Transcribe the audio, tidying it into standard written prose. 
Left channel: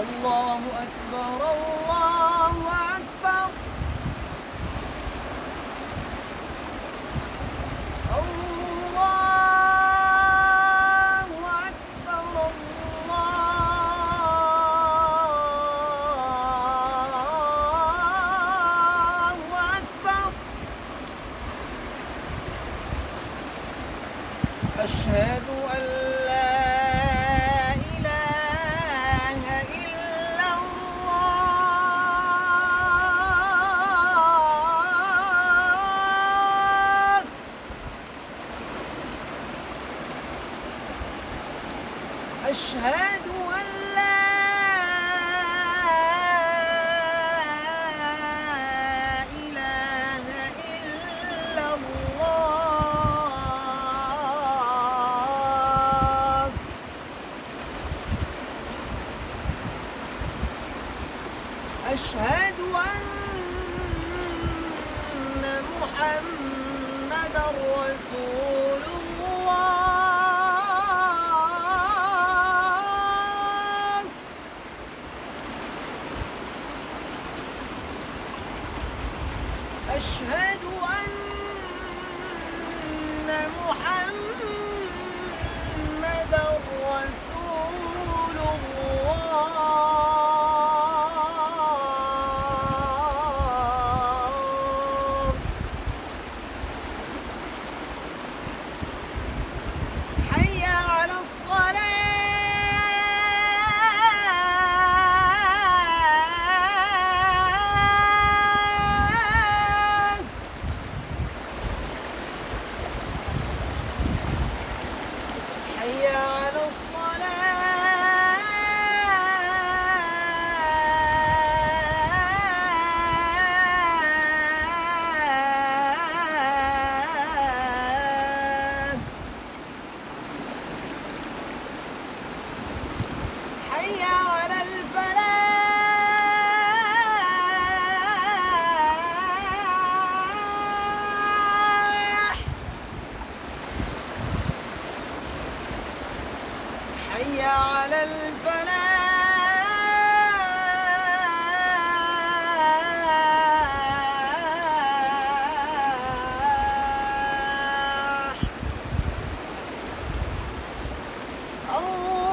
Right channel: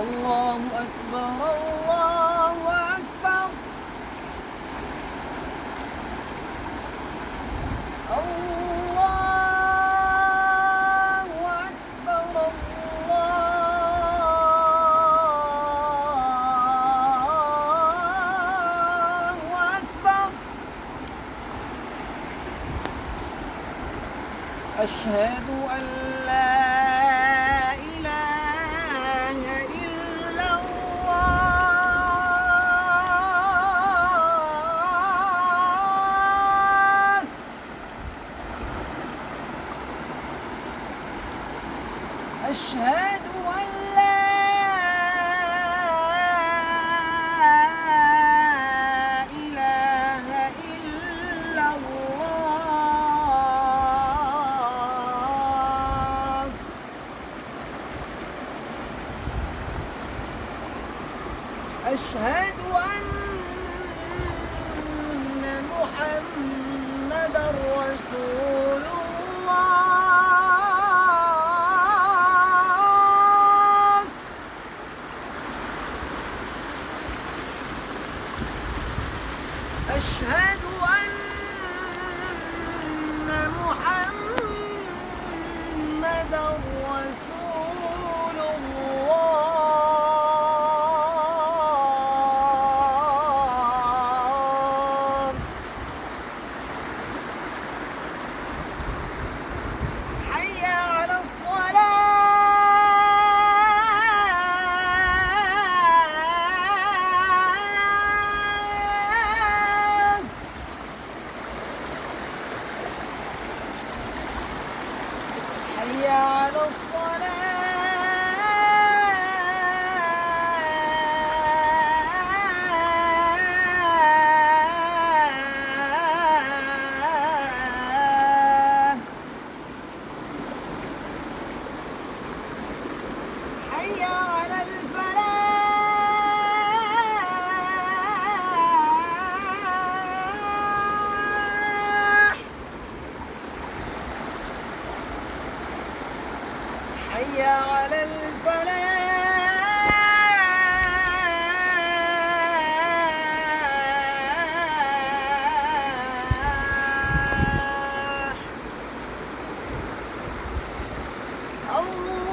الله أكبر الله أكبر الله أكبر الله أكبر أشهد أن لا إله إلا الله أشهد أن لا إله إلا الله أشهد أن محمدًا رسول الله أشهد أن محمدًا رسول الله حي على الصلاة حي على الصلاة حي على الفلاح حي على الفلاح الله